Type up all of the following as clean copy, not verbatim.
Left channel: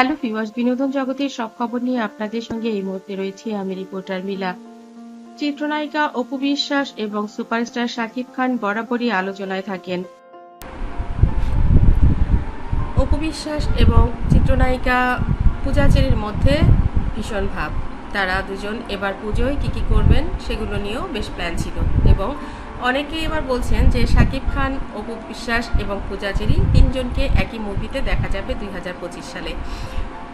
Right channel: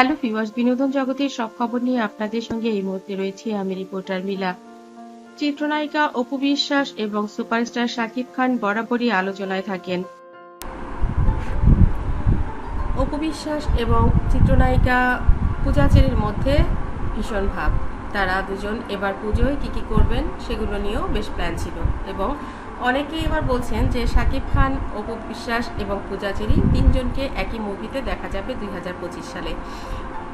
Hello viewers, বিনোদন জগতের সব খবর নিয়ে আপনাদের সঙ্গে এই মুহূর্তে রয়েছি আমি রিপোর্টার মিলা। চিত্রনায়িকা অপু বিশ্বাস এবং সুপারস্টার শাকিব খান বরাবরই আলোচনায় থাকেন। অপু বিশ্বাস এবং চিত্রনায়িকা পূজা চেরির মধ্যে ভীষণ ভাব। তারা দুজন এবার পুজোয় কি করবেন সেগুলো নিয়েও বেশ প্ল্যান ছিল এবং অনেকেই এবার বলছেন যে শাকিব খান, অপু বিশ্বাস এবং পূজা চেরি তিনজনকে একই মুভিতে দেখা যাবে 2025 সালে।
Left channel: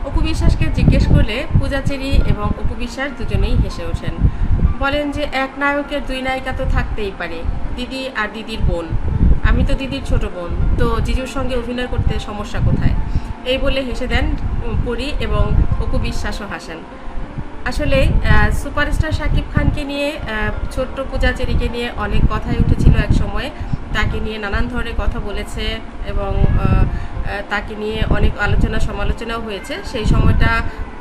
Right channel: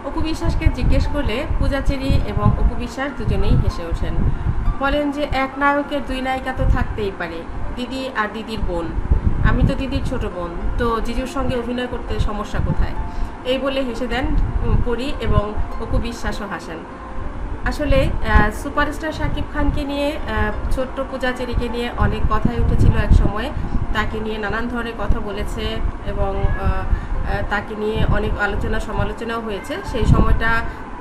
অপু বিশ্বাসকে জিজ্ঞেস করলে পূজা চেরি এবং অপু বিশ্বাস দুজনেই হেসে ওঠেন। বলেন যে এক নায়কের দুই নায়িকা তো থাকতেই পারে, দিদি আর দিদির বোন। আমি তো দিদির ছোট বোন, তো জিজুর সঙ্গে অভিনয় করতে সমস্যা কোথায়? এই বলে হেসে দেন পরি এবং অপু বিশ্বাসও হাসেন। আসলে সুপারস্টার শাকিব খানকে নিয়ে, ছোট্ট পূজা চেরিকে নিয়ে অনেক কথাই উঠেছিল এক সময়। তাকে নিয়ে নানান ধরনের কথা বলেছে এবং তাকে নিয়ে অনেক আলোচনা সমালোচনাও হয়েছে। সেই সময়টা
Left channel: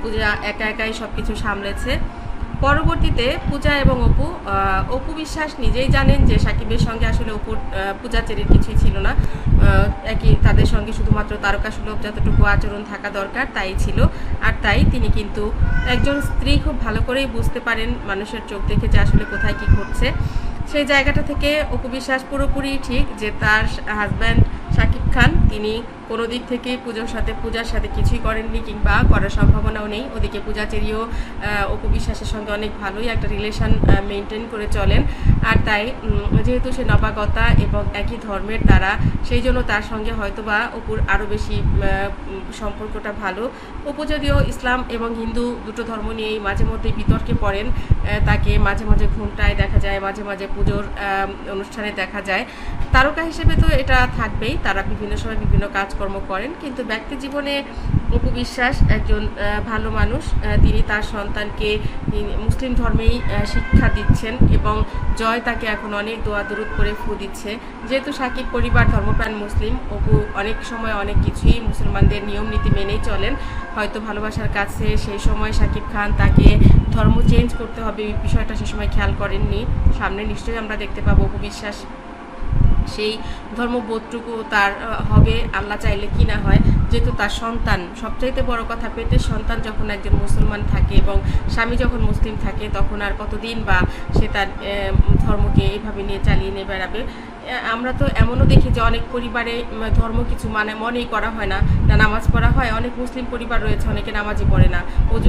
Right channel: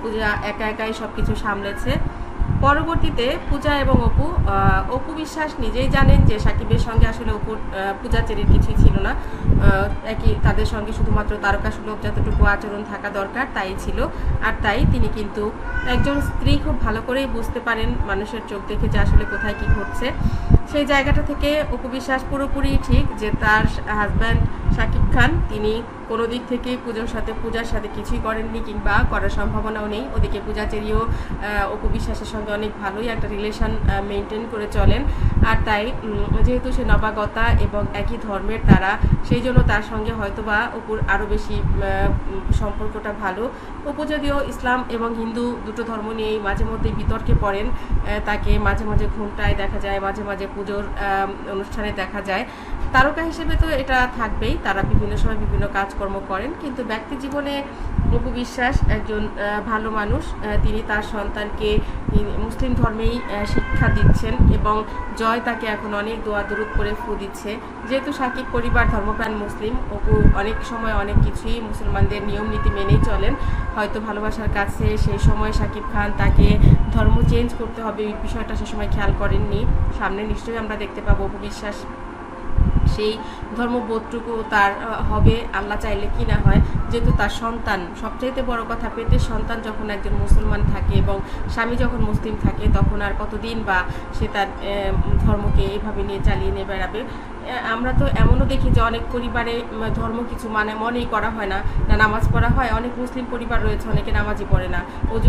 পূজা একা একাই সব কিছু সামলেছে। পরবর্তীতে পূজা এবং অপু বিশ্বাস নিজেই জানেন যে সাকিবের সঙ্গে আসলে পূজা চেরির কিছুই ছিল না। একই তাদের সঙ্গে শুধুমাত্র তারকা সুলভ যতটুকু আচরণ থাকা দরকার তাই ছিল। আর তাই তিনি কিন্তু একজন স্ত্রী খুব ভালো করেই বুঝতে পারেন মানুষের চোখ দেখে যে আসলে কোথায় কি ঘটছে। সেই জায়গাটা থেকে অপু বিশ্বাস পুরোপুরি ঠিক যে তার হাজব্যান্ড শাকিব খান তিনি কোনো দিক থেকে পূজার সাথে কিছুই করেননি কিংবা করার সম্ভাবনাও নেই। ওদিকে পূজা চেরিও অপু বিশ্বাসের সঙ্গে অনেক ভালোই একটা রিলেশন মেনটেন করে চলেন। আর তাই যেহেতু সে নবাগতা এবং একই ধর্মের তারা, সেই জন্য তার সঙ্গে হয়তোবা অপুর আরও বেশি সম্পর্কটা ভালো। অপু যদিও ইসলাম এবং হিন্দু দুটো ধর্ম নিয়েই মাঝে মধ্যে বিতর্কে পড়েন। তাকে মাঝে মাঝে ঘুমটায় দেখা যায়, মাঝে মাঝে পুজোর অনুষ্ঠানে দেখা যায়। তারকা হিসেবে তো এটা থাকবেই, তারা বিভিন্ন সময় বিভিন্ন কাজকর্ম করেন, কিন্তু ব্যক্তি জীবনে অপু বিশ্বাস একজন ভালো মানুষ। তিনি তার সন্তানকে মুসলিম ধর্মেই শিক্ষা দিচ্ছেন এবং জয় তাকে এখন অনেক দোয়া দরুদ করে ফু দিচ্ছে। যেহেতু সাকিব পরিবার ধর্মপ্রাণ মুসলিম, অপু অনেক সময় অনেক কিছুই মুসলমানদের নিয়ম নীতি মেনেই চলেন। হয়তো ভালোবাসার কাছে সেই সময় সাকিব খান তাকে ধর্ম চেঞ্জ করতে হবে এই বিষয়টা সে সময় খেয়াল করেননি। সামনে নিশ্চয়ই আমরা দেখতে পাবো অপু বিশ্বাস সেই ধর্মবোধটুকু তার হবে, আল্লাহ চাইলে কি না হয়। যেহেতু তার সন্তান, সবচাইতে বড় কথা, পেটের সন্তান যখন একজন মুসলমান থাকে এবং স্বামী যখন মুসলিম থাকে, তখন আর কতদিন বা সে তার ধর্মকে এইভাবে নিয়ে চালিয়ে নিয়ে বেড়াবে। আমরা তো এমনও দেখি যে অনেক পরিবারে ধর্ম কিছু মনেই করা হয় না, নামাজ পড়া হয়। অনেক মুসলিম পরিবার রয়েছে, অনেকে নামাজই পড়ে না,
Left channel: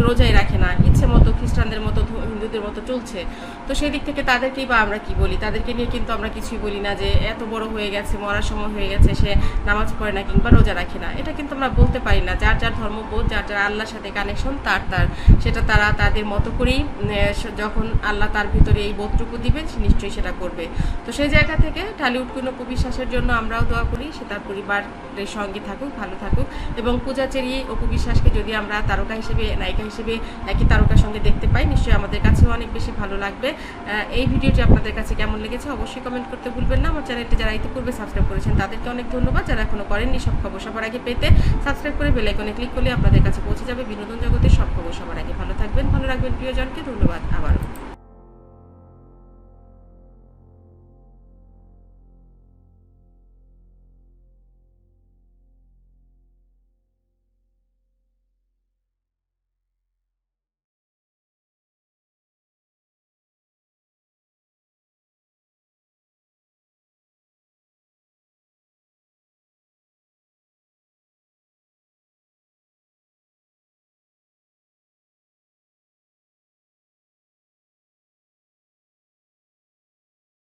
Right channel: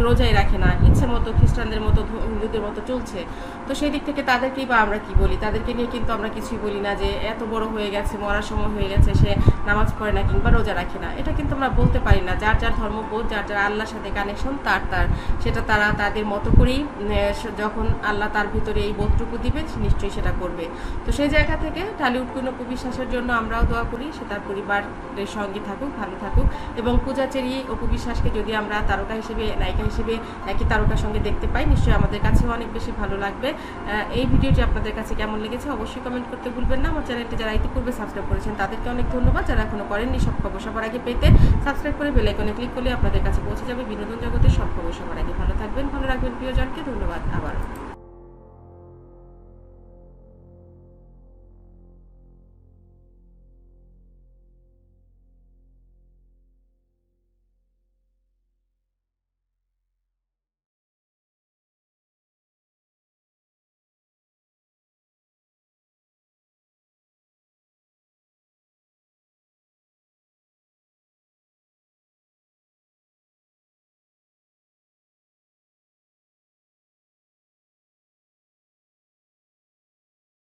রোজাই রাখে না, ইচ্ছে মতো খ্রিস্টানদের মতো হিন্দুদের মতো চলছে। তো সেই দিক থেকে তাদেরকেই বা আমরা কি বলি? তাদেরকে নিয়ে কিন্তু আমরা কিছুই বলি না যে এত বড় হয়ে গেছে, মরার সময় হয়ে গেছে, সে নামাজ পড়ে না কিংবা রোজা রাখে না। এটা কিন্তু আমরা বলতে পারি না। যার যার ধর্মবোধ, যার যার আল্লাহর সাথে কানেকশন, সেটা তারা তাদের মতো করেই, যখন আল্লাহ তার ভিতরে এই বোধটুকু দিবে নিশ্চয়ই সেটা করবে। তো সেই জায়গা থেকে ঢালিউড কুইন অপু বিশ্বাসের জন্য আমরাও দোয়া করি সে তার পরিবারের সঙ্গে থাকুক, ভালো থাকুক। এবং পূজা চেরি অপু বিশ্বাসকে যদি আমরা তারকা হিসেবে, নায়িকা হিসেবে একই তারকার সঙ্গে দেখতে পাই, নিশ্চয়ই আমাদের কাছেও অনেক বেশি ভালো লাগবে। এই ভিডিওটি আপনাদের কাছে কেমন লেগেছে অবশ্যই কমেন্ট করতে ভুলবেন না। আমার চ্যানেলটি যারা ইতিপূর্বে সাবস্ক্রাইব করেছেন তাদেরকে অনেক ধন্যবাদ। যারা এখনো করেননি, সব খবর সবার আগে পেতে সাবস্ক্রাইব করে বেল আইকনে ক্লিক করলে আপনাদের কাছে পৌঁছে যাবে বিনোদন জগতের সব খবর সবার আগে। ভালো থাকবেন, ভালো রাখবেন প্রিয়জনকে। ধন্যবাদ আবারও।